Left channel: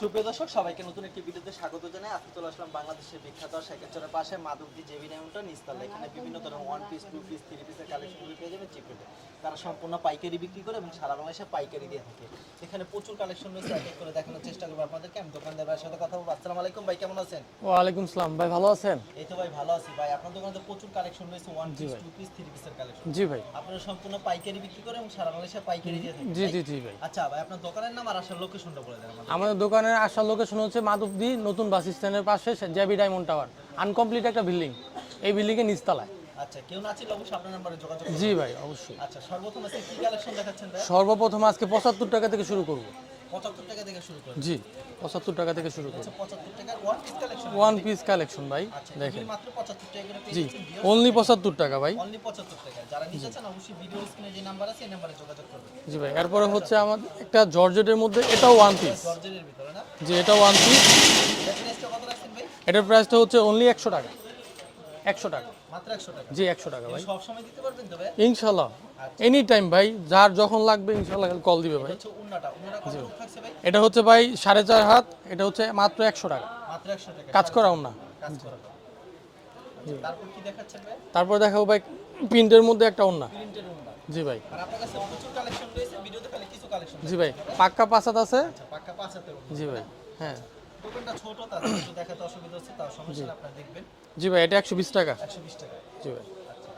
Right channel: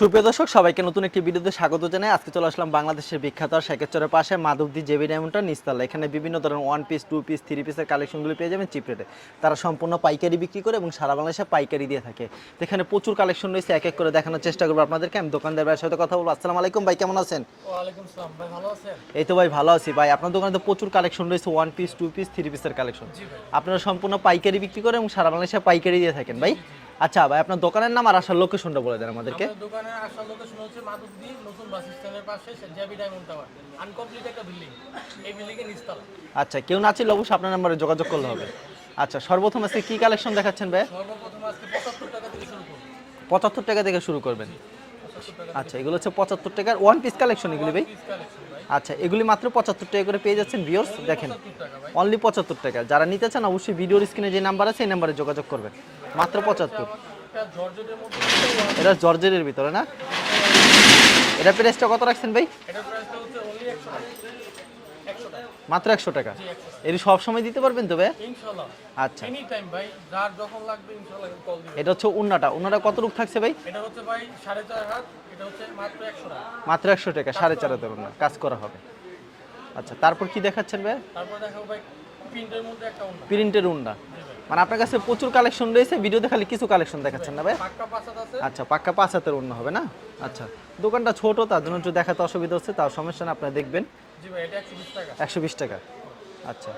সুপ্রিয় দর্শক সবাইকে নতুন একটি ভিডিওতে স্বাগত জানাই। আজকে চলে আসলাম বাংলাদেশের বিখ্যাত আর শেখেরচরের পাশে মাধবদী জেবি ডায়মন্ডটা নিস্তালা। এখানে বিভিন্ন ধরনের one piece two piece three পিসের কালেকশনগুলো পেয়ে যাবেন চিপ রেটে তারা সম্পূর্ণ পাইকারি বিক্রি করে এবং সারা বাংলাদেশে পাইকারি দিয়ে থাকে। এখানে প্রচুর কালেকশন রয়েছে এক এক করে দেখানোর চেষ্টা করব আপনাদেরকে। আমি দোকানদার ভাইয়ের সাথে কথা বলব। আসসালামু আলাইকুম ভাই কেমন আছেন? ওয়ালাইকুম সালাম ভাই ভালো আছেন? এই তো ভাই ভালো আছি। ভাই আপনার দোকানে তো প্রচুর কালেকশন রয়েছে one piece two piece three পিসের কালেকশন জি ভাই। আপনারা সম্পূর্ণ পাইকারি বিক্রি করে এবং সারা বাংলাদেশে পাইকারি দিয়ে থাকেন ভাই। আচ্ছা ভাই আপনার দোকানের নাম আর আসার লোকেশনটা বলে দেন আমাদেরকে। আমাদের আসার লোকেশন হচ্ছে মাধবদী নতুন বাস স্ট্যান্ডের পাশে জ্যাবি ডায়মন্ড টাওয়ার। আনকমপ্লিট একটা বিল্ডিং এই বিল্ডিং এর নিচতলা আচ্ছা কেউ না ছিল অবশ্যই আপনার নাম্বারে যোগাযোগ করুন জি ভাই অবশ্যই। আচ্ছা সর্বপ্রথম আজকে কি কালেকশন দেখাচ্ছেন ভাই? সর্বপ্রথম আজকে পঁচাত্তর টাকা থেকে শুরু করব। পঁচাত্তর টাকা থেকে শুরু করবেন। জি। পঁচাত্তর টাকা থেকে আচ্ছা এগুলো হচ্ছে পঁচাত্তর টাকার ওয়ান পিস কালেকশন এগুলো ওয়ান পিস কালেকশন ভাই। আচ্ছা এগুলি মাত্র পঁচাত্তর টাকা করে পেয়ে যাচ্ছেন ভিউয়ার্স অনলি পঁচাত্তর টাকা ভাই। অনলি পঁচাত্তর টাকা যারা নিতে চান অবশ্যই ভিডিওর স্ক্রিনে যে নাম্বার আছে এই নাম্বারে যোগাযোগ করবেন। জি ভাই মাত্র তারপরে হচ্ছে 75 আমার একটা জর্জেটের মধ্যে এটাও ওয়ান এটা জর্জেটের ভিতরে না? জি এটা ওয়ান পিস এটা প্রাইসটা কত রাখছেন ভাই? এটার প্রাইসটা হচ্ছে অনলি একশো টাকা। একশো টাকা। মাত্র একশো টাকা? জি একশো টাকা। এর সব দিতে পারবেন তো ভাই ইনশাল্লাহ। আচ্ছা। এনি টাইম ভাই যার যখন লাগবে ইনশাল্লাহ কল দিবে এটা হচ্ছে উন্নাটা। উন্নাটা কত রূপ থাকছে ভাই? এটা হচ্ছে ভাই সাড়ে চার হাত এটা হচ্ছে মাত্র একশো টাকা। মাত্র একশো টাকা সাড়ে চার। হাজার কাজ করা হবে। আচ্ছা তারপর কি দেখাচ্ছেন ভাই তারপর দেখাবো ভাই প্রিন্টের মধ্যে একটা ওন্না প্রিন্টের উন্না। জি ভাই। মানে আপনার কাছে প্রচুর কালেকশন রয়েছে ভিডিওতে খালি কিছু কালেকশন দেখাচ্ছেন না ভাই পাক্কা পাসাত আছে। আচ্ছা পাক্কা পাঁচ হাতের অন্য হবে না? আচ্ছা। দোকানটা ছোট তার জন্য একটু দেখাতে অসুবিধা হচ্ছে তাও সমস্যা না আপনারা দেখবেন। জি ভাই এটা একশো বিশ টাকা। একশো বিশ টাকা। জি আচ্ছা।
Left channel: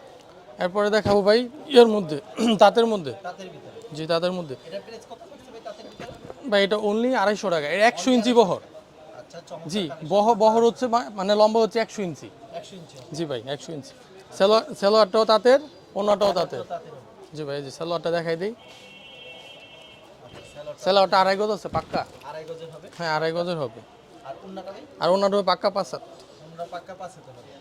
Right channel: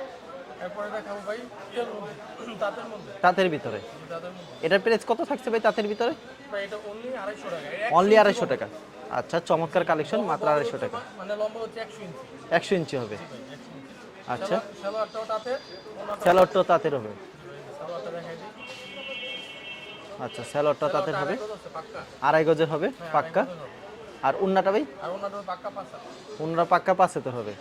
এরপরে দেখাবো ভাই ইয়ের মধ্যে তাঁতের মধ্যে। তাঁতের ভিতরে। জি তাঁতের মধ্যে। এটার প্রাইস কত থাকছে ভাই তাঁতের ভিতরে? ভাই এটা অনলি আড়াইশো টাকা এটা একশো ইঞ্চি আড়াইশো বহর। টাকা। আচ্ছা চমৎকার কালেকশন বহ বহর হচ্ছে মানে লম্বা হচ্ছে একশো ইঞ্চি। একশো ইঞ্চি হবে। জি ভাই একশো ইঞ্চি। আচ্ছা। সেলোয়ার সেলোয়ারটাও তাঁতের অন্যটাও স্যালোয়ারটা তাঁতের হবে। জি ভাই এই যে সেলোয়ারটা দেখাই দিই। আচ্ছা স্যালোয়ারটা সেলোয়ারটা আড়াই গজ আছে পাক্কা। আড়াই গজের হবে? হ্যাঁ আড়াই গজের হবে। আর উন্নাটা ভাই? আর অন্যটা হবে পাক্কা পাসাত উন্নার পাক্কা পাঁচ হাতে হবে।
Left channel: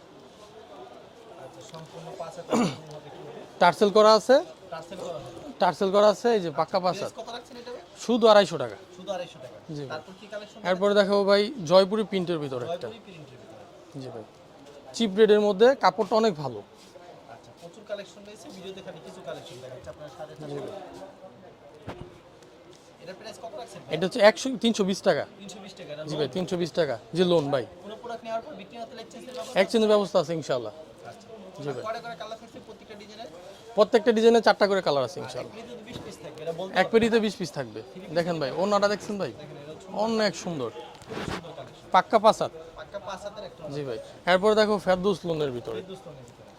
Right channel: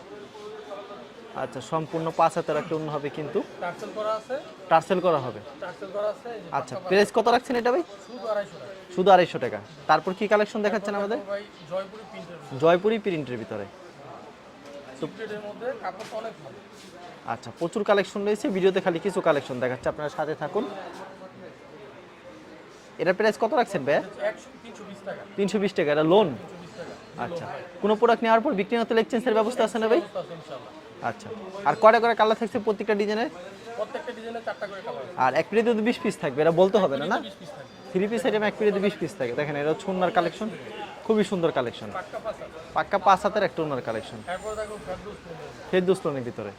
আচ্ছা সম্পূর্ণ পাঁচ হাতের উন্ন হবে কিন্তু। টার্সেল করা আছে। টার্সেল করা হবে? টার্সেল করা আছে এই যে আচ্ছা পাক্কা প্রাইস কত রাখছেন এটা ভাই? শুধু আড়াইশো টাকা। শুধু আড়াইশো টাকা। তারপর কি কালেকশন তারপরে দেখাচ্ছেন দেখাবো ভাই জয়পুরি প্রিন্টের ভিতরে। জয়পুরি প্রিন্টের ভিতরে। জি ভাই। চিপ রেডের মধ্যে কাপড়টা অনেক ভালো। আচ্ছা প্রচুর কালেকশন রয়েছে। ভিডিওতে খালি কিছু কালেকশন দেখাচ্ছে। আপনারা সাথে থাকুন। এটা প্রাইস কত রাখছেন ভাই এটা হচ্ছে একশো তিনশো বিশ টাকা। তিনশো বিশ টাকা এটা লোন তিনশো বিশ টাকা জি লোন ভাই। কোনো প্রোডাক্ট নেওয়ার পর বিক্রি হতে এক্সচেঞ্জের ব্যবস্থা আছে ব্যবস্থা আছে ইনশাআল্লাহ। আচ্ছা। আর কয়টা করে কালার থাকছে প্রত্যেকটা ডিজাইনের প্রত্যেকটা ডিজাইনে চারটা করে কালার আছে আর এক পেরিতে তো বিশ পিস থাকবে এটা বলতে এক হবে পেরিতে বিশ পিস থাকবে। থ্রি পিস ভাই, এক পেরিতে ওনাটা বিশ পিস থাকবে। দেখেন এটা অনেক কালেকশন সুন্দর। খুবই সুন্দর কালেকশন পাক্কা পাসার পাক্কা পাঁচ হাতের একটা উন্নার কালেকশন এরপর দেখো ফেরদৌস লোনের ভিতর। ফেরদুস লোনের ভিতরে।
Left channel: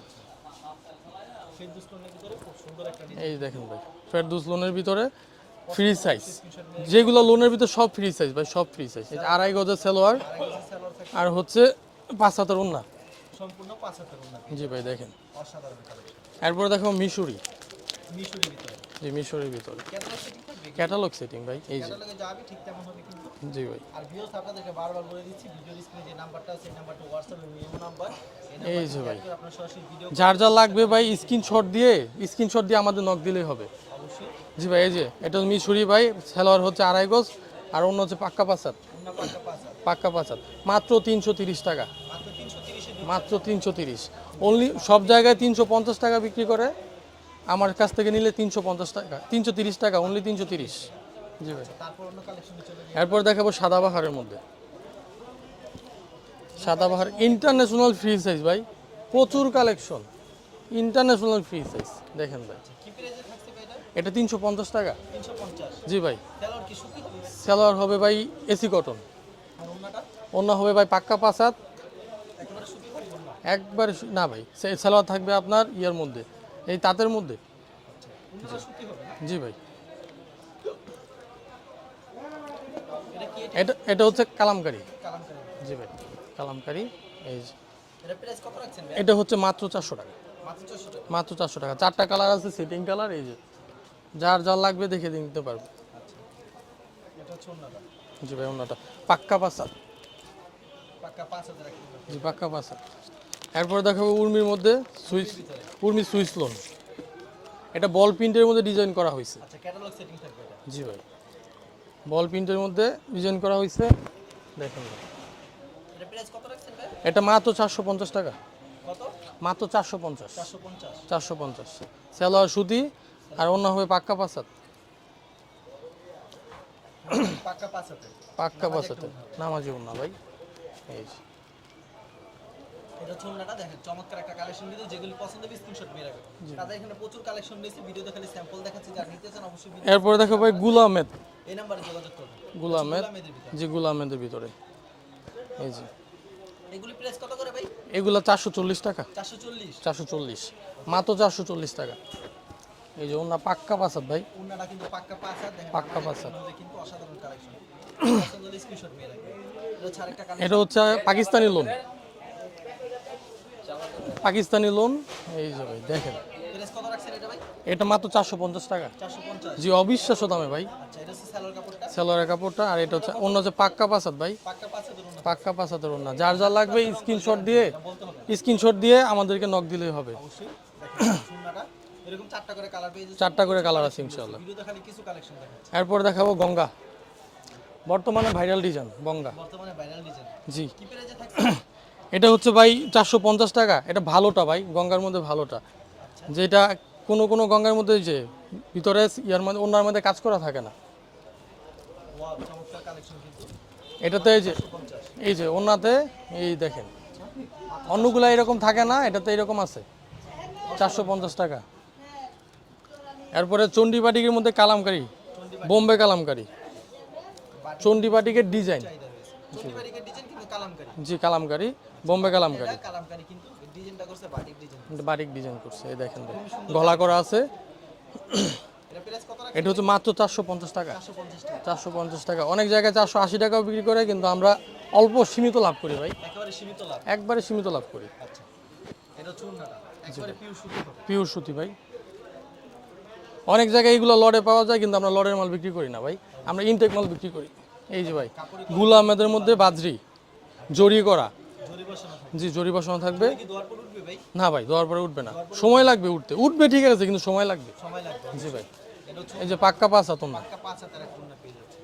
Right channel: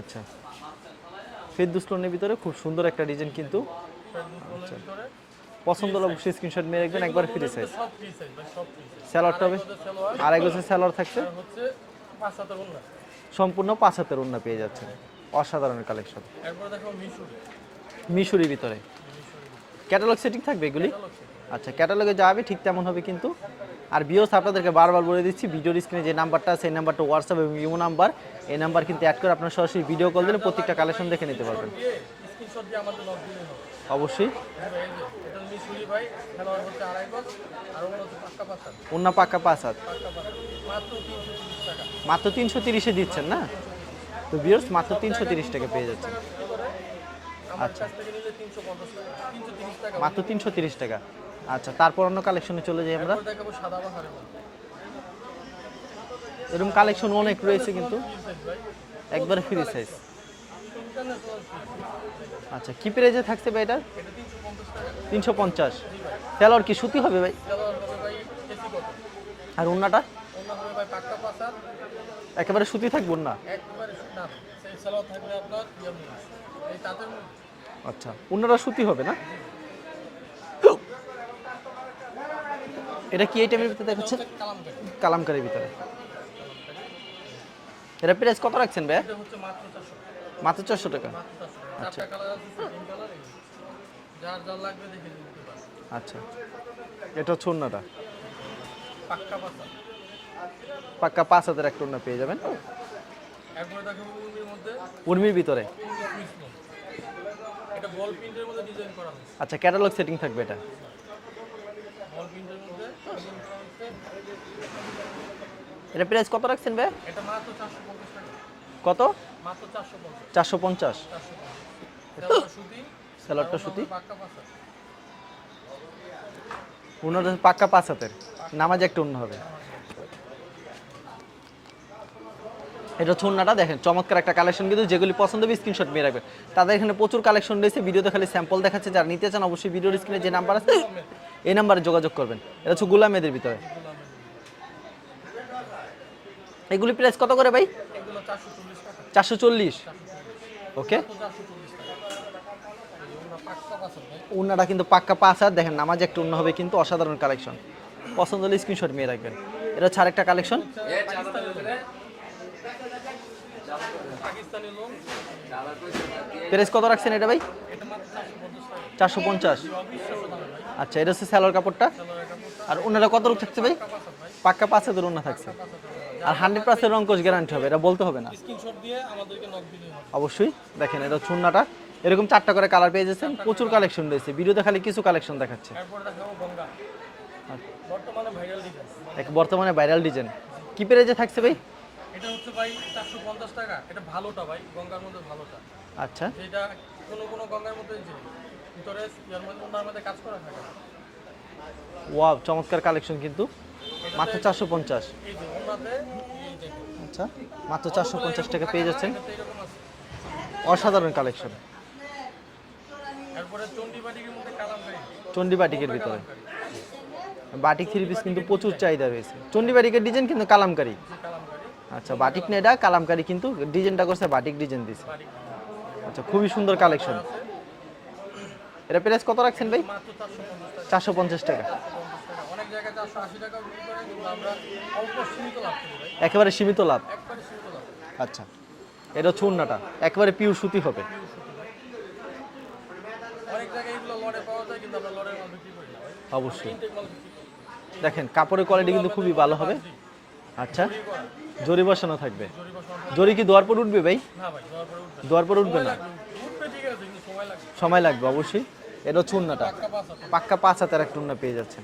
আচ্ছা। ফেরদুস লোনের ভিতরে খুব সুন্দর একটা ডিজাইন কিন্তু ফেরদৌস লোনের ভিতরে ফ্রি। অবশ্যই স্ক্রিনশট মেরে যেগুলো লোনের ভিতরে সব ফ্রি সাইজ ভাই সব ফ্রি সাইজ আড়াই গজের সালোয়ার আড়াই গজের সেলোয়ার থাকছে? আর হচ্ছে পাঁচ হাতের উন্না সম্পূর্ণ পাঁচ হাতের উন্না পেয়ে যাবে দেখেন। অসাধারণ কালেকশন এরপর দেখো মিশরি। মিশরি ভিতরে? যে মিশরির ভিতরে। ক্যাটালগ সেটিং থাকবে এগুলি? ক্যাটালগ সেটিং আচ্ছা ক্যাটালগে যাবে ঠিক তেমন হবে কিন্তু। জি ভাই। আর বিওস আপনাদেরকে বারবার বলে দিচ্ছি ভিডিওর স্ক্রিনে যে নাম্বারটা আছে সেই নাম্বারটা হোয়াটসঅ্যাপ এবং ইমো নাম্বার এই নাম্বার কিন্তু অ্যাড করে আপনার সরাসরি ভিডিও কল যার যা লাগবে ভাই স্ক্রিনশট দিয়ে স্ক্রিনশট দিয়ে আমাদের নক দিলেই হবে। অবশ্যই। জি ভাই এই যে এটা মিশরি ভাই। সালোয়ার হচ্ছে আড়াই গজ আর অন্য হচ্ছে পাক্কা পাসার উন্না পাক্কা হাত পাক্কা পাসার মাত্র তিনশো তিরিশ টাকা। মাত্র তিনশো তিরিশে দিচ্ছেন না? তিনশো তিরিশ। সব জায়গায় তিনশো পঞ্চাশ টাকা বিক্রি করে। আমার কাছ থেকে নিলে তিনশো পঞ্চাশ টাকা তিনশো তিরিশ টাকা অনলি তিনশো তিরিশ। টাকা। আচ্ছা তারপর অন্য কালেকশনে চলে যাই এরপর দেখাবো সাদা বাহারের মধ্যে। এরকম কালেকশন অনেক ইন্টারন্যাশনাল ফ্রি সাইজ ভাই প্রচুর কালেকশন ইন্টারন্যাশনাল ফ্রি সাইজ দেখেন। আচ্ছা কি প্রাইজে থাকছে ভাই এটা? এটা তিনশো পঞ্চাশ টাকা। তিনশো পঞ্চাশ। জি ভাই। স্যালোয়ার কি সুতি হবে ভাই? সালোয়ার হবে ভাই এসি কটন। আর উন্নাটা অন্য হবে ভাই পাক্কা পাসাত একেবারে সুতি থাকবে না একবার না ভাই সে- সালোয়ার থাকবে আপনার ইয়ার মধ্যে। এই তাঁতের মধ্যে। আচ্ছা উন্নাটা সুতি হবে না? জি ভাই। এটা কি এটা এটা হচ্ছে কালামকারি। কালামকারীর ভিতরে। কালামকারি। এই যে। এটা প্রাইস কত রাখছেন ভাই? এটা হচ্ছে মাত্র চারশো টাকা। মাত্র চারশো টাকা? মাত্র চারশো টাকা। চারটা কালার আছে সেটিং কালার এই যে। যার যার লাগবে দেখে নিতে পারবে। আচ্ছা। এটা হচ্ছে উন্নাটা জি ভাই অন্যটা পাক্কা পাসা পাক্কা পাঁচ হাজার একটা উন্না পেয়ে যাবেন। পাক্কা পাসা এরপরে দেখাবো উর্মির মধ্যে উর্মির ভিতরে? উর্মি সুইস লোন এটা বল প্রিন্টের মধ্যে ডিজাইন করা হয়েছে। আচ্ছা ক্যাটালগ সেটিং থাকবে এটা? জি ভাই। বল প্রিন্টের মধ্যে ডিজাইন করা হয়েছে। দেখুন এটা প্রাইস কত রাখছেন ভাই? এটা মাত্র চারশো পঞ্চাশ টাকা। কত? মাত্র চারশো পঞ্চাশ। চারশো পঞ্চাশ। চারশো পঞ্চাশ। সুতি আর অন্য হবে পাক্কা পাসাত পাক্কা পাঁচ হাতের নামাজ একটা অন্য হবে। নামাজি ওন্না ভাই। এটা হচ্ছে দেখেন চমৎকার একটা কালেকশন কিন্তু যেগুলি পছন্দ হবে স্ক্রিনশট মেয়ে রাখবেন। তাদের এখানে প্রচুর কালেকশন রয়েছে ভিডিওতে খালি স্যাম্পল দেখাচ্ছে যারা নিতে চান অবশ্যই ভিডিও এই নাম্বারে যোগাযোগ করবেন। এটা হচ্ছে গুলামেদের ভিতরে। জি গুল আহমেদের ভিতরে। এই এগুলি প্রাইস কত করে ভাই? এগুলো চারশো চল্লিশ টাকা। চারশো চল্লিশ। চারশো চল্লিশ। Okay. মাত্র চারশো চল্লিশ টাকা। এই যে ওনা পাক্কা পাসাদ ভাই। উন্নাটা কিন্তু পাক্কা হাত দেখেন নামাজ একটু উন্ন হবে কিন্তু অসাধারণ কালেকশন পছন্দ হলে স্ক্রিনশট মেয়ে রাখবেন। এটা হচ্ছে আরেকটা এটা কালেকশন হচ্ছে Pakistani lawn Pakistani lawn. Price কত রাখছেন এটা ভাই? এটা মাত্র চারশো পঞ্চাশ টাকা। চারশো পঞ্চাশ? জি অবিশ্বাস্য দামে ভাই। আচ্ছা এটা হচ্ছে স্যালোয়ার কাপড়টা? সেলোয়ারের কাপড়টা আর এটা কত ভাই? পাক্কা ভাই? পাক্কা পাক্কা যার যার লাগবে গ্যারান্টি হবে এটা বলতে হবে না। স্ক্রিনশট দিয়ে আমাদেরকে নক দিলেই হবে। অবশ্যই। দেখেন এটা চুন্নাটা এরকম চারটা করে কালার পেয়ে যাচ্ছে চারটা করে কালেকশন রয়েছে। ভিডিওতে খালি কিছু কালেকশন দেখাচ্ছে। এরপর দেখাবো গঙ্গা। বর্তমানে ভাইরাল ডিজাইন বর্তমানে ভাইরাল ডিজাইন জি। কি পেরেজে থাকছে? এটা হচ্ছে ভাই চারশো পঞ্চাশ টাকা। এটা ভালোটা ভাই গঙ্গার মধ্যে ভালোটা। আচ্ছা। যেটা কোনো কোনো গঙ্গার মধ্যে যে ভিতরে ইয়ার মধ্যে অন্যার মধ্যে কাজ করা থাকে না। ওয়াও চমৎকার কালেকশন কিন্তু। এটাতে চারশো পঞ্চাশ। এই যে ওনাতে এই দেখেন। আচ্ছা মাত্র অন্যগুলো এরকম থাকে না এটাতে এরকম আছে। অসাধারণ 450 কালেকশন। টাকা। এরপরে চন্ডী বাটিকের মধ্যে কালামকারী। চন্ডিবাটি বোম্বে কালামকারি। বাটিক বাটিকের প্রচুর চাহিদা রয়েছে। চন্ডিবাটিকের ডিজাইন কিন্তু কালামকারি। জি কালামকারি। আচ্ছা বোম্বে কালামকারি। এটা কালামকারি কিন্তু ডিজাইনটা করছে বাটিক ডিজাইন দিয়েছে বাটিক ডিজাইন করছে এই দেখেন। আচ্ছা খুবই সুন্দর গলা করা আছে। এটা প্রাইস কত রাখছেন এটা হচ্ছে মাত্র চারশো পঞ্চাশ টাকা। চারশো পঞ্চাশ টাকা। চারশো পঞ্চাশ টাকা। অনেক জায়গায় চারশো আশি টাকাও বিক্রি করে কিন্তু আমরা অল্প সীমিত লাভ করি ভাই। একেবারে সীমিত লাভ। একবারে সীমিত লাভ করি। আচ্ছা এটা হচ্ছে উন্নাটা একেবারে পিওর সুতি হবে। পিওর সুতি ভাই। অনেক জায়গায় এগুলো লড়ে পাওয়া যায় কিন্তু আমরা লড়ের মাল বিক্রি করি না ভাই। আমরা ইনটেক মাল বিক্রি করি। দেখেন কাপড়ের কোয়ালিটি আহমেদের মধ্যে বাজরি আচ্ছা। জড়ি করা। জরি বসানো থাকবে। জি জড়ি বসানো থাকবে। জরি কি দোয়ার পর উঠবে ভাই? না ভাই দেওয়ার পরে উঠবে না। পরে সময় লাগবে উঠতে। উঠবে ঠিক আছে কিন্তু সময় লাগবে। সময় লাগবে অবশ্যই। এটা যে পাক্কা পাঁচ হাত পাক্কা পাঁচ হাতের একটা উন্না পেয়ে যাচ্ছেন।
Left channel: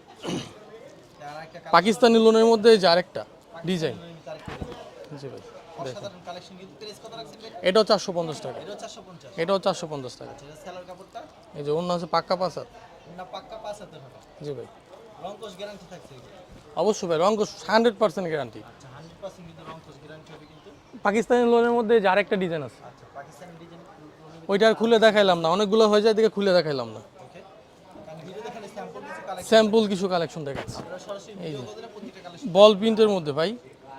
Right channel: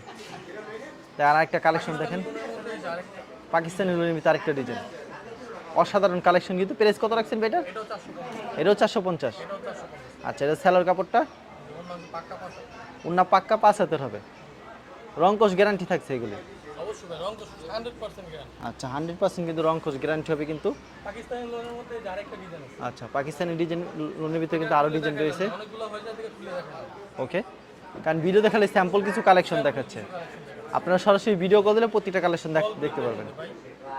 তাই আর একটা পাকিস্তানি লোনের মধ্যে এই যে আরেকটা পাকিস্তানি লোনের ভিতরে আরেকটা ডিজাইন। অসাধারণ কালেকশন কিন্তু। প্রাইস কত রাখছেন ভাই এটা? এটাও চারশো পঞ্চাশ টাকা। এটাও চারশো পঞ্চাশ। এটাও চারশো পঞ্চাশ টাকা। আচ্ছা এটা স্যালোর কাপড়টা? এই যে অন্য হচ্ছে পাক্কা পাঁচ হাত। উন্না পাক্কা পাঁচ হবে? জি ভাই। রংকশ গ্যারান্টি থাকছে এগুলি? অবশ্যই ভাই রঙ হান্ড্রেড পার্সেন্ট গ্যারান্টি আচ্ছা হান্ড্রেড পার্সেন্ট কিন্তু রংকশ গ্যারান্টি হবে কিন্তু। পাকিস্তানি লোনের মধ্যে যে আরেকটা ডিজাইন আছে। আচ্ছা পাকিস্তানি ডিজাইন লোনের ভিতরে ওইটা খুলে দেখাইলাম না অনেকগুলো হয়ে যায় দিকে খুলে দেখাইলাম না। ওকে কারণ ভিডিও দেখালে স্যাম্পল কিছু কালেকশন স্যাম্পল কিছু কালেকশন আপনারা সরাসরি ভিডিও কল দিলে প্রতিটা কালেকশন বল প্রিন্টের মধ্যে ভাই।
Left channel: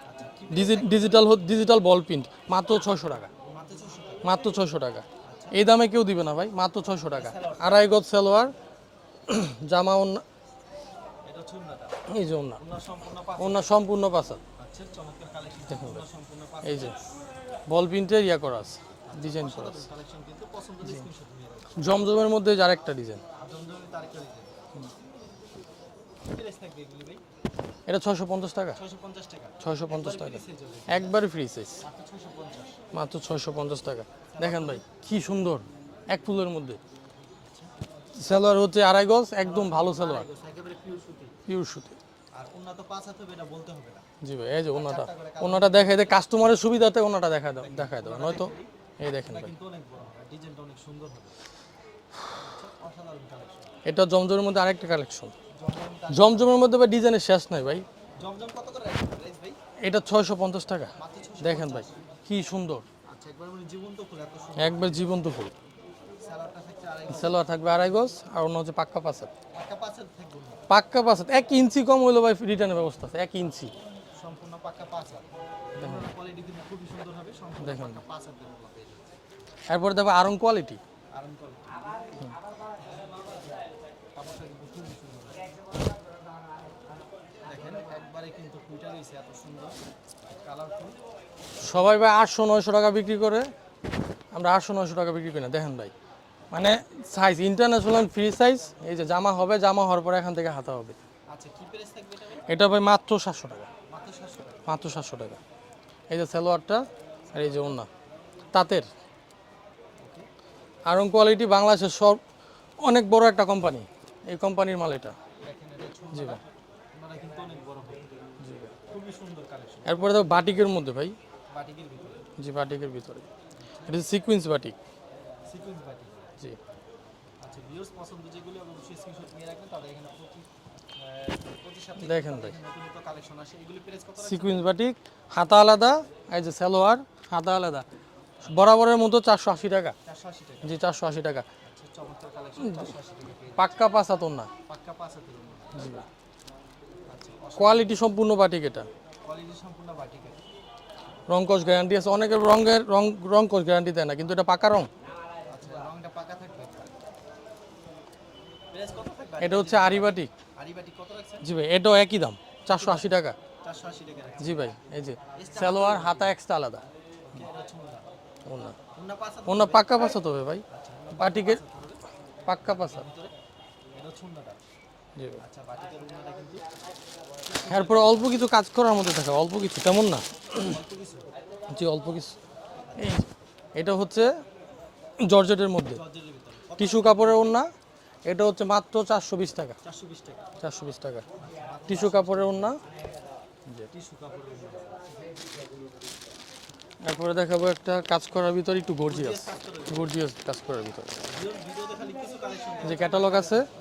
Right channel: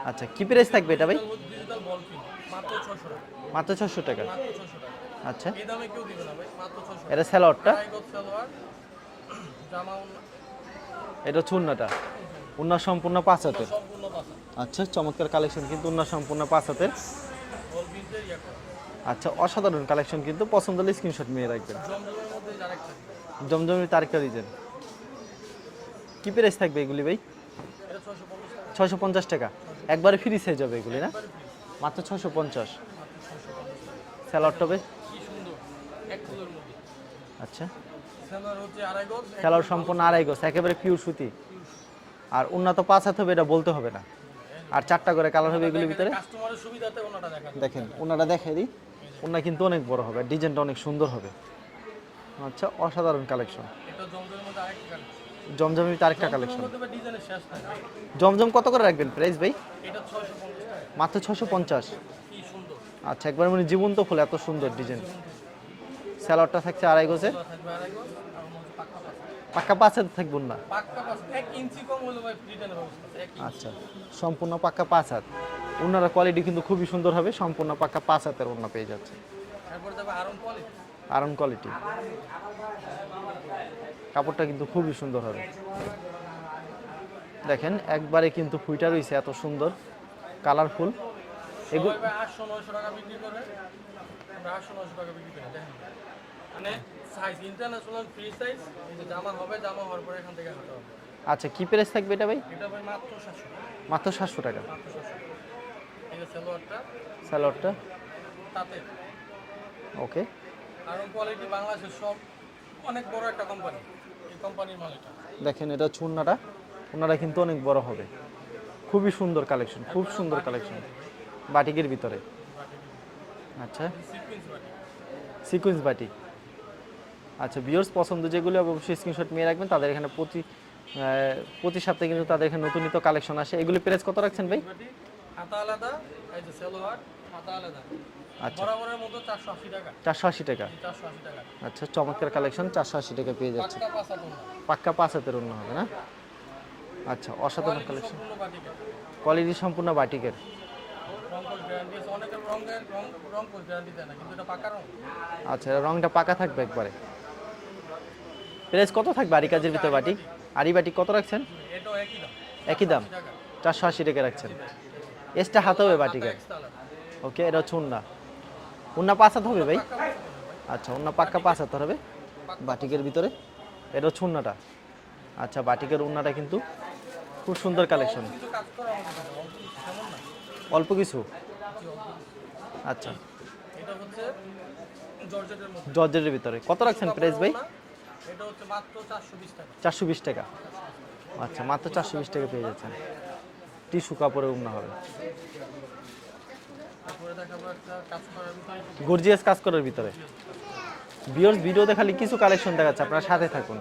আচ্ছা কি প্রাইস থাকবে এটা? ডিজিটাল ডিজিটাল বল প্রিন্ট মাত্র ছয়শো টাকা। মাত্র 600 টাকা। মাত্র ছয়শো টাকা। আচ্ছা। এই দামে কেউ দিবে না ভাই মাত্র ছয়শো এটা টাকা সালোয়ারটা? আড়াই গজ সালোয়ার জামা অন্য এটা হচ্ছে উন্নাটা এই যে উন্না সম্পূর্ণ পাঁচ অন্য সম্পূর্ণ পাশা আচ্ছা চমৎকার কালেকশন কিন্তু উন্না সম্পূর্ণ পাঁচ হাতের। বল প্রিন্টের ইয়া করা আছে। আচ্ছা অসাধারণ কালেকশন কিন্তু পছন্দ হলে স্ক্রিনশট নিয়ে রাখবেন। জমজমের মধ্যে আরেকটা ডিজাইন জমজমের তারিখটা দিতেন কি প্রাইস থাকবে এগুলি ভাই? এটা ছয়শো পঞ্চাশ টাকা। ছয়শো পঞ্চাশ টাকা। 650 একবারে ফ্রি সাইজ হবে এগুলি? একবারে ফ্রি সাইজ মাত্র ছয়শো পঞ্চাশ। মাত্র ছয়শো পঞ্চাশ টাকা। সালোয়ার? ভাই, কি সুন্দর। এক ফুলের মধ্যে। আচ্ছা। সালোয়ার হচ্ছে আড়াই গজ একদম ভালো আড়াই গোছ একেবারে পিওর সুতি। পিওর সুতি। আর উন্নত পাঁচ হাত হবে এটা বলতে হবে না। জি ভাই এই যে আর চারটা করে কালার ওনাটা দেখাই দেয় কাস্টমারের সুবিধাতে ওনাটা দেখা দেয় দেখেন দেখা ওনাটা দেখে দিই। ওনা কিন্তু অনেক বড় হবে ডিজাইনটা অনেক সুন্দর হবে। আচ্ছা অসাধারণ কালেকশন এটা জমজমের মধ্যে আরেকটা কালেকশন জমজমের তারিখ জমজমের মধ্যে ভাই ডিজাইনের শেষ নাই ভাই। জমজম কত করে রাখবেন প্রাইস ভাই? এটা ছয়শো পঞ্চাশ টাকা। মাত্র ছশো দেখেন পঞ্চাশ। ভাই, কি সুন্দর। আচ্ছা একবার মানে জীবন্ত ফুল এত সুন্দর একবার জীবন্ত ফুল। স্যালাডটা থাকছে আড়াই গোছে সালোয়ার থাকবে আড়াই গজ আর অন্য হচ্ছে পাক্কা পাঁচাত পাক্কা পাঁচ হাত থাকবেন না? পাক্কা পাঁচাত এক ইঞ্চি কম হইল ভাই রিটার্নের ব্যবস্থা আছে এক ইঞ্চি। সম্পূর্ণ পাক্কা পাঁচ ওনারা কোয়ালিটি কিন্তু খুবই সুন্দর হবে সম্পূর্ণ পাক্কা পাঁচ হাতের ওনা পেয়ে যাচ্ছে। এরপরে দেখো আরং কোয়ালিটি আরাম কোয়ালিটি কাপড়টা কিন্তু খুবই সুন্দর হবে। দেখেন একবারে কিন্তু ফুইটা রয়েছে এত সুন্দর কালারফুল সবাই ভাই আটশো নয়শো টাকা বিক্রি করে আমরা আটশো নয়শো টাকা বিক্রি করি না দেখেন ভাই। মানে সাইজ ইন্টারন্যাশনাল ফ্রি সাইজ এই যে জামা হবে জামা হওয়ার পরে এখান থেকে হাতা হবে। আচ্ছা কি প্রাইস থাকবে এটা ভাই? এটা ভাই মাত্র সাতশো টাকা। মাত্র সাতশো টাকা। মাত্র সাতশো টাকা। এই যে সালোয়ারটা সালোয়ারটা? ওনা তাঁতের। ওকে। আরং কোয়ালিটি বাংলাদেশের সব অনেক বড় একটা কোম্পানি এই কোম্পানির মাল এটা। দেখেন এটা চুন্নাটা ওনারা কিন্তু অনেক বড় হবে। খুবই সুন্দর কালেকশন এরপরে দেখো বাটিকের মধ্যে ভাই। বাটিকের ভিতরে। জি বাটিকের ভিতরে। আচ্ছা। সিকুয়েন্স বাটিক সিকোয়েন্স বাটিক আচ্ছা বিয়ার্স পছন্দ যেগুলো অবশ্যই স্ক্রিনশট নিয়ে রাখবেন। তাদের এখানে প্রতি প্রতি সপ্তাহে কিন্তু তাদের এখানে নতুন নতুন কালেকশন আসে। এগুলি প্রাইস কত রাখছেন ভাই? বাটিক হাতা আলাদা এই যে সালোয়ার হাতা আলাদা। বরাবরের মতো চারশো আশি টাকা। চারশো আশি টাকা? জি চারশো আশি টাকা। আচ্ছা চমৎকার কালেকশন চারশো আশি টাকা পেয়ে যাচ্ছে। পাক্কা পাঁচ হাতন না পাক্কা পাঁচ হাতের অন্য হবে না? আচ্ছা অসাধারণ কোয়ালিটি সম্পূর্ণ বাটিক এটা। কোয়ালিটি সম্পূর্ণ বাটিকের। রংকশ গ্যারান্টি আছে। অনেকের রঙের রং রংকশ গ্যারান্টি দেয় না কিন্তু এটা পাকা রং। আচ্ছা রংটা পাকা থাকবে একবারে। প্রাইস কত থাকবে আরি কাজের ভিতরে আরি বাটিক বাটিক। আরি বাটিক কত রাখছেন? জি ভাই এটাও একই দাম চারশো দাম? আশি টাকা। চারশো আশি টাকা রাখছেন। জি ভাই এই যে এক্সট্রা হাতে হবে বাটিক? হাতা আলাদা। ওকে এটা হচ্ছে উন্না। উন্না। পাঁচ হাত হবে পাক্কা পাঁচ হাত হবে ভাই। আচ্ছা উন্না পাক্কা পাঁচ হাত হবে? পাক্কা বাটিকের ভিতরে? এটা হচ্ছে উন্নাটা? আচ্ছা বাটিকের উন্নাটা কিন্তু খুব সুন্দর তারপর অল্প কিছু কাজ করার মধ্যে থাকে অল্প কিছু তেমন না। অল্প কিছু? জি অল্প কিছু। আচ্ছা। এটা হচ্ছে জর্জেটের মধ্যে। জর্জের ভিতরে। কত কাপড়ের? ওড়না? এটা হচ্ছে মাত্র চারশো বিশ টাকা। চারশো বিশ টাকা। চারশো বিশ টাকা। আচ্ছা মাত্র টিস্যু কাপড়ের ওড়না? টিস্যু কাপড়ের উন্না হবে। তারপরে দেখাবো একটা কাজ করার ভিতরে একটু গর্জিয়াস কাজ করার ভিতরে। গর্জিয়াস কাজ করার ভিতরে। ভিউয়ার্স ভিডিওতে খালি কিছু কালেকশন দেখাচ্ছে আপনারা সাথে থাকুন।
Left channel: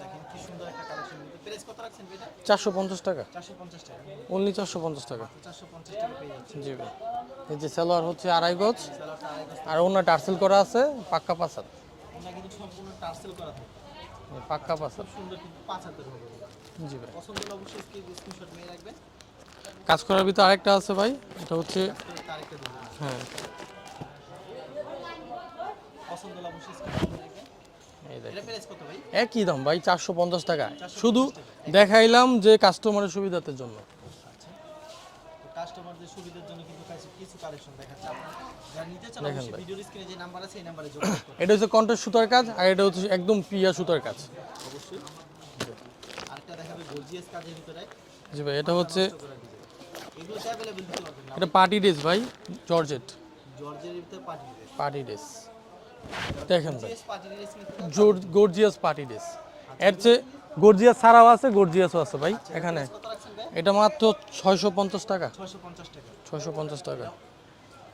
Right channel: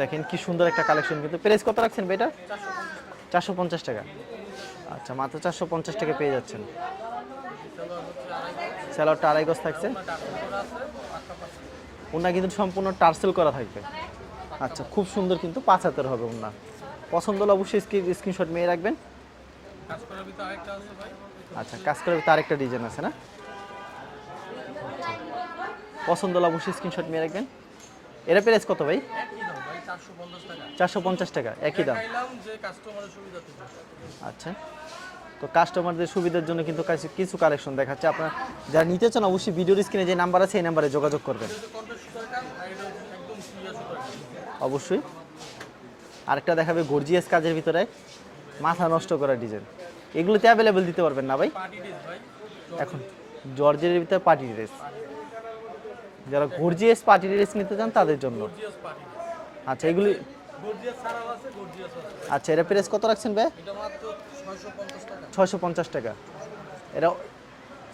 দেখেন কি সুন্দর একটা কালেকশন কিন্তু। প্রাইস কত রাখছেন চারশো পঞ্চাশ টাকা। চারশো পঞ্চাশ টাকা। অনলি চারশো পঞ্চাশ আচ্ছা টাকা। মাত্র চারশো পঞ্চাশ টাকা পেয়ে যাচ্ছেন। এই যে সালোয়ার হচ্ছে আড়াই গজ। স্যালাডটা আড়াই গজ আর ওনা টার্সেল করা আছে পাক্কা পাঁচ ওনা কিন্তু সম্পূর্ণ টার্সেল করা থাকবে। আচ্ছা খুব সুন্দর কিন্তু পাঁচ হাতের হবে ওনা পছন্দ হলে অবশ্যই স্ক্রিনশট নিয়ে রাখবেন। কাজ করার ভিতরে আরেকটা আছে ভাই এটা হচ্ছে কাজ করে তার একটা ডিজাইন আছে না? পছন্দ হলে অবশ্যই স্ক্রিনশট নিয়ে রাখবেন। এটা প্রাইস কত ভাই? একই দাম ভাই চারশো পঞ্চাশ টাকা। 450 শুধু টাকা। দেখাইলাম যে কাস্টমারের সুবিধার জন্য। আচ্ছা। তো কাস্টমারদের সুবিধার জন্য কিন্তু কিছু কালেকশন দেখাচ্ছে। আপনারা যারা নিতে চান অবশ্যই ভিডিওর স্ক্রিনে যে নাম্বার আছে এই নাম্বারে যোগাযোগ করবেন। এটা হচ্ছে কন্ট্রাস্ট সুতার কাজ আর এটা হচ্ছে একদম পিয়া সুতার কাজ। অবশ্যই। আরেকটা দেখাবে গর্জিয়াস কাজের ভিতরে। মাথা হচ্ছে নষ্ট করা ডিজাইন এগুলোতে অ্যাভেলেবেল দিতে পারবেন না ভাই? পার্টি ড্রেস ভাই জর্জেট জর্জের ভিতরে পার্টি ড্রেস পার্টি ড্রেস যারা গর্জিয়াস পার্টি ড্রেস নিতে চান তাদের জন্য। গর্জিয়াস পার্টি ড্রেস আচ্ছা এগুলো গর্জিয়াস ছাড়াও আছে গর্জিয়াসও আছে ভাই। আচ্ছা এটা প্রাইস কত রাখছেন ভাই? এটা মাত্র ছয়শো পঞ্চাশ টাকা। ছয়শো পঞ্চাশ টাকা। ছয়শো পঞ্চাশ টাকা। এটা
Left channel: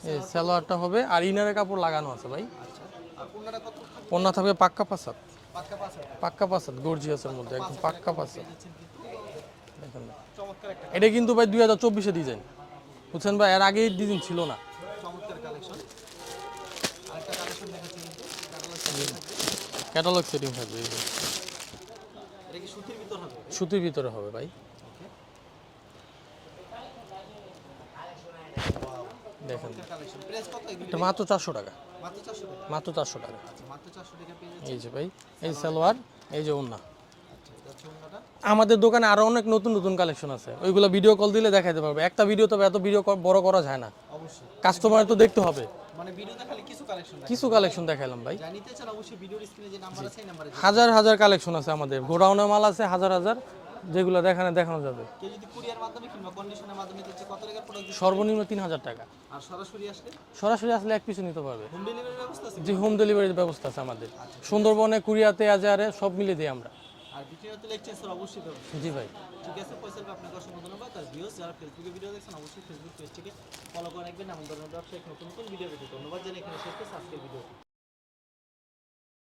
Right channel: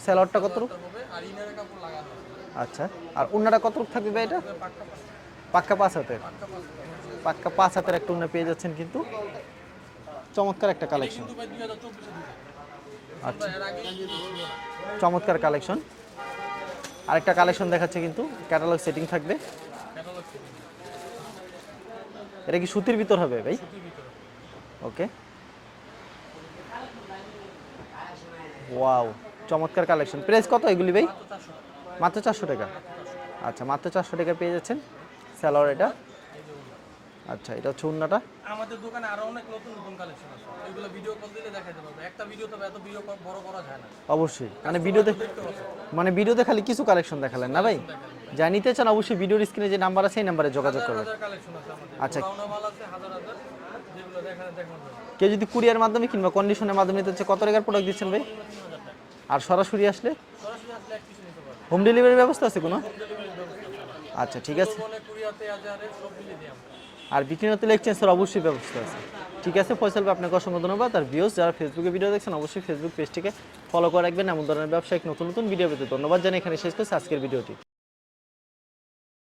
স্যালাডটা কত? হবে আর ইনারের কাপড় লাগানো আছে ভাই। আচ্ছা আর অন্যটা কত থাকবে ভাই ওনা থাকবে পাক্কা পাসাদ পাক্কা পাঁচ হাতে পাক্কা পাসাদ গর্জিয়াস পাক্কা পাঁচ হাতের একটা অন্য পেয়ে যাচ্ছেন কিন্তু চমৎকার একটা এটা কিন্তু ভাই দুই হাজার চব্বিশে ডিজাইন বুঝছেন ভাই? এর আগেই ডিজাইন ছিল না। চমৎকার কালেকশন আরেকটা কালেকশন দেখাচ্ছে কিন্তু ক্যাটালগ সেটিং থাকবে। ক্যাটালগ সেটিং থাকবে এই যে। এটা কি সুতির ভিতর হবে ভাই? সুতির ভিতরে হবে ভাই। ওকে। ওয়াও চমৎকার কালেকশন। প্রাইস কত এগুলি ভাই? মাত্র চারশো টাকা। মাত্র চারশো টাকা? মাত্র চারশো টাকা। আচ্ছা মাত্র চারশো টাকা পেয়ে যাচ্ছেন। ভাই? সালোয়ার এই যে ওন্না আচ্ছা এটা হচ্ছে উন্নাটা আমাদের দোকানে আরও অনেক নতুন নতুন কালেকশন আছে। ওইগুলো ভিডিও কল দিলে দেখাতে পারবে। একটা ভিডিও তবে এত ভিডিও বড় করা যায় না। অবশ্যই। মানে কাস্টমার তো দেখতে হবে। মানে ভিডিওতে খালি কিছু কালেকশন কিছু না ভাই? কালেকশন দেখালাম ভাই। যা নিতে চান অবশ্যই ভিডিওর স্ক্রিনে যে নাম্বার আছে এই নাম্বারে যোগাযোগ হাজার হাজার কালেকশন আছে আমাদের। আচ্ছা। গোডাউনে মাল আছে হাজার হাজার। যেগুলো দেখানো দেখানো যাবে। কেউ যদি কুরিয়ার মাধ্যমে কিংবা কন্ডিশনের মাধ্যমে চায় কত টাকার প্রোডাক্ট দিচ্ছেন ভাই? সর্বনিম্ন তিন হাজার টাকা। আর সরাসরি আসলে? সরাসরি আসলে এক পিছু নিতে পারবে। হোম ডেলিভারি ব্যবস্থা আছে কোনো? হোম ডেলিভারির ব্যবস্থা আছে আমাদের। আচ্ছা ঠিক আছে। সুন্দরবনে কুরিয়াতে আজারে সব মিলে দিই আমরা। আর বিক্রিনাতে তেল এক্সচেঞ্জের অবশ্যই ব্যবস্থা আছে। ঠিক আছে, ফয়সাল আপনাকে অসংখ্য ধন্যবাদ। আর ভিউস যারা ফেসবুকে ভিডিও দেখছেন, অবশ্যই ফেসবুক পেজটিকে ফলো করে রাখবেন। এমন ধরনের ব্যবসায়িক নতুন নতুন ভিডিও পেতে ধন্যবাদ জানিয়ে এখানে শেষ করছি আজকের ভিডিওটি।